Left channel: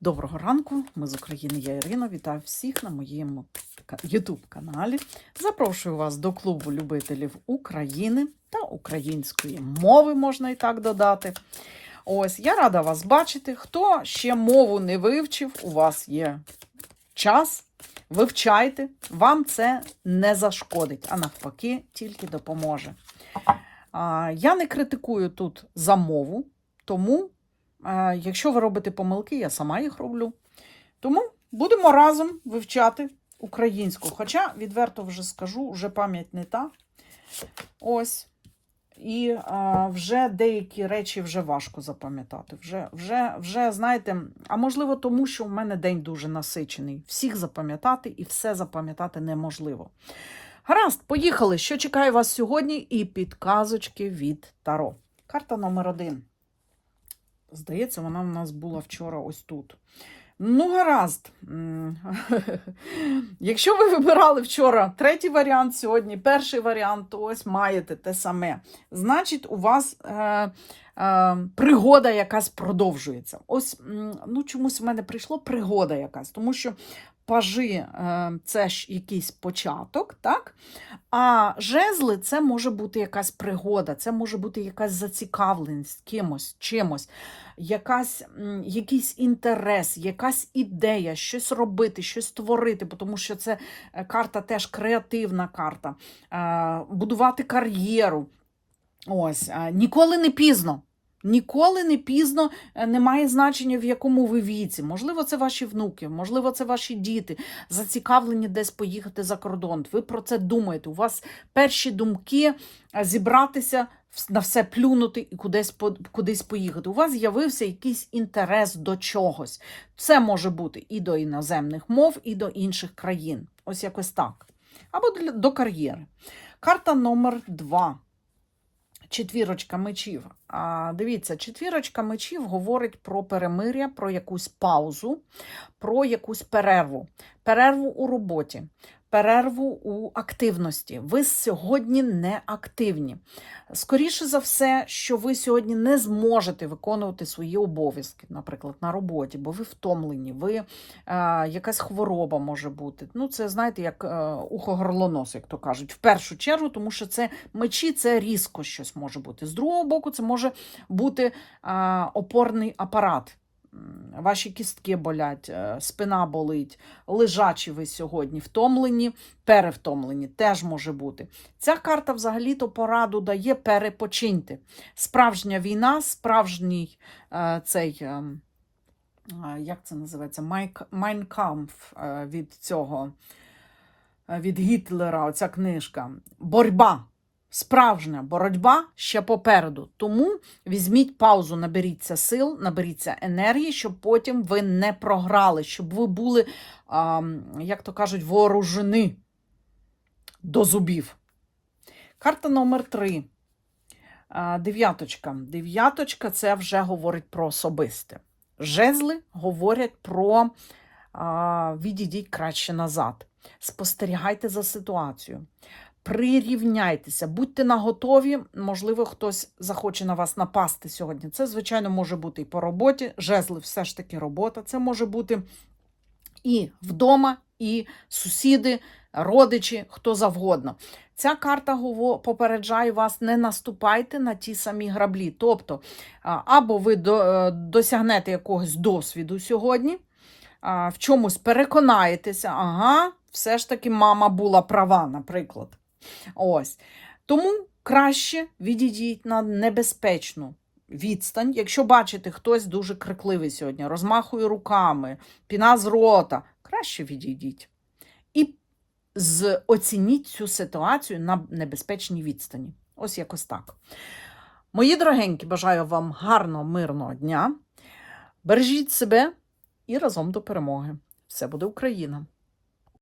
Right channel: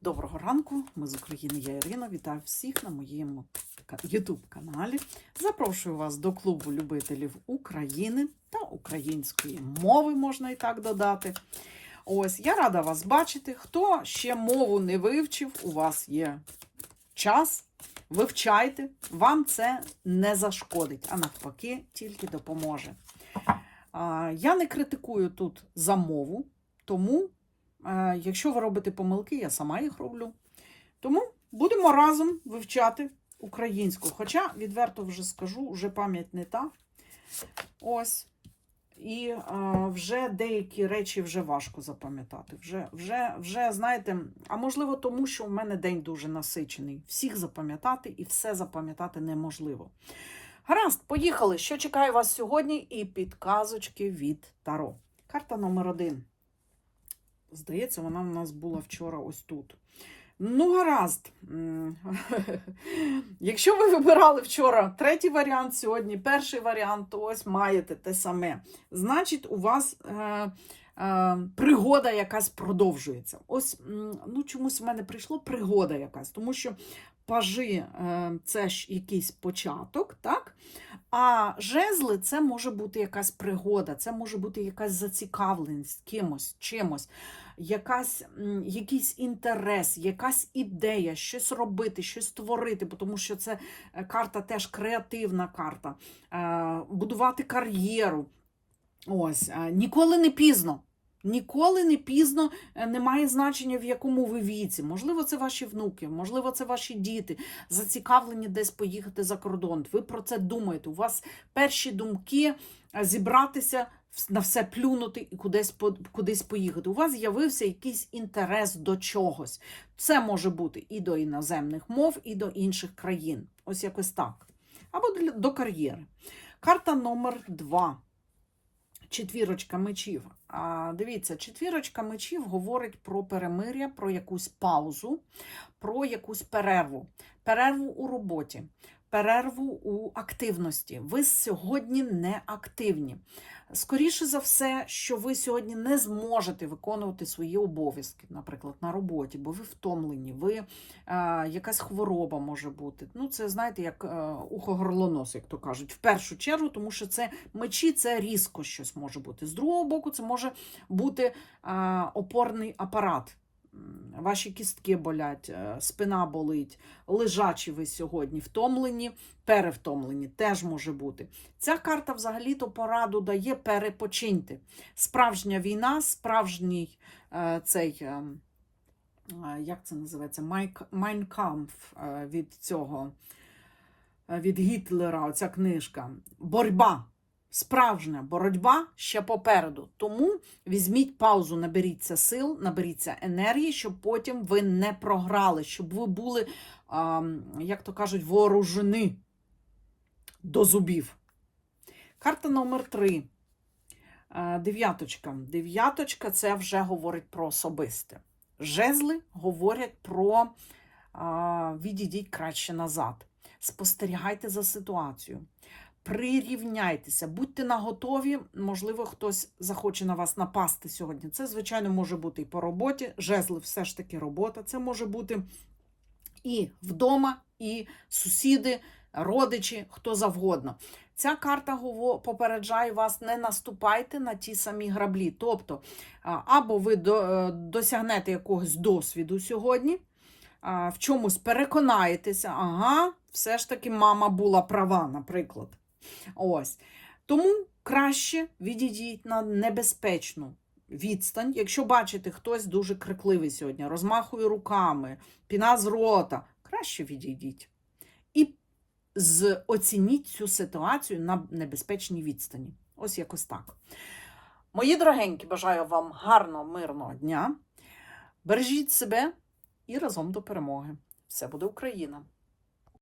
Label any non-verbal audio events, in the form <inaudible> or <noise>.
Доброго ранку, ми з України, я Ірина. Вітаю всіх на моєму YouTube каналі. Запрошую вас до клубу любителів України та української мови, можна і так додати. Ось, я рада вас бачити. Хто ще мову не вивчив, у вас є час. Вивчайте, вам це не зашкодить, а навпаки, тільки допоможе. Я не критикую тут за мову, тому Якщо ви робите помилки, я сама їх роблю. Тому будемо разом вивчати українську. Хоча, відверто вже скажу, вже пам'ять не та. Ось. І а, вже деякі речі вже важко запам'ятати. Вже, вже, вже, знаєте, а можливо, тому що в мене день дуже насичений. Всіх запам'ятати і все запам'ятати неможливо. Гаразд, поїхали. Що чекає вас сьогодні? І підказочки від Таро. Карта номер один. Здається, вона у нас була вчора ось тут. Ну, гаразд. <laughs> Якщо ви вибирали вчора третій варіант, сьогодні перший варіант, то ось маєте те саме. Значить, у вас е, пригода якась продовжується. Ось, ну, чомусь в мене прийшло пригода якась, тому що пажи е, це ж якийсь початок, так? А жезли це може бути якась пригода, це може бути якась зацікавленість кимось, чимось, якась, якийсь інтерес, якась ідея, щось робити, щось творити, тому що це е, карта теж креативна карта, е, будувати кар'єру. Ось, е, ніколи не пізно. Ніколи не пізно е, немає значення, в якому ви віці. Можливо, це ваші внуки, можливо, це ваші діти, зацікавлені десь поїхати за кордон. Ви про це думаєте. У вас перші думки е, зібратися, на все плюнути і кудись, кудись поїхати. У вас з'явився якийсь інтерес до чогось. Це може бути і до іноземних мов, і до інших країн. Ось якось так. Або до кар'єри. Карта номер два. Четвірочка мечів. А, дивіться, четвірочка мечів говорить про перемир'я, про якусь паузу, про якусь перерву. Перерву у роботі, перерву у активності. Ви сьогодні не активні. Скоріше за все, що ви сьогодні не зможете виконувати свої обов'язки, наприклад, на роботі, бо ви втомлені, ви е, якась хвороба може бути. Ну, це знаєте, як е, ухо-горлонос, як то кажуть, в першу чергу, тому що це мечі, це різко щось може бути. З другого боку, це може бути е, опорний апарат. Ваші кістки болять, е, спина болить, лежачі ви сьогодні, втомлені, перевтомлені, теж може бути. Ця карта взагалі-то пораду дає перепочиньте. Справжня війна, справжній е, цей, е, як це називається, Майнкамф від цього, від Гітлера, оця книжка. Борьба. Справжня боротьба ще попереду. Тому візьміть паузу, наберіться сил, наберіться енергії, щоб потім ви не програли, щоб ви були, як то кажуть, вооружені до зубів. Карта номер три. А, Дев'яточка. Дев'яточка це вже говорить про особисте. Жезли говорять про а, відійдіть краще назад. Спостерігайте за ситуацією. Прирівняйтеся, будьте наготові, можливо, хтось захоче на вас напасти сьогодні. Це, звичайно, може бути і по роботі. Жезли все ж таки робота. Це може бути і вдома, і сусіди, родичі, хто завгодно. Ця карта попереджає вас, не наступайте на ті самі граблі. Тобто, або ви е, досягнете якогось досвіду сьогодні, в чомусь переконаєтеся, ага, все ж таки мама була права, наприклад. Ось. Тому краще відійдіть на небезпечну відстань. Якщо бачите, хтось дуже крикливий сьогодні, розмахує руками, піна з рота, краще відійдіть. І оцініть цю ситуацію на небезпечній відстані. Ось якось так. Мої дорогенькі, бажаю вам гарного, мирного дня. Бережіть себе і разом до перемоги. Все буде Україна!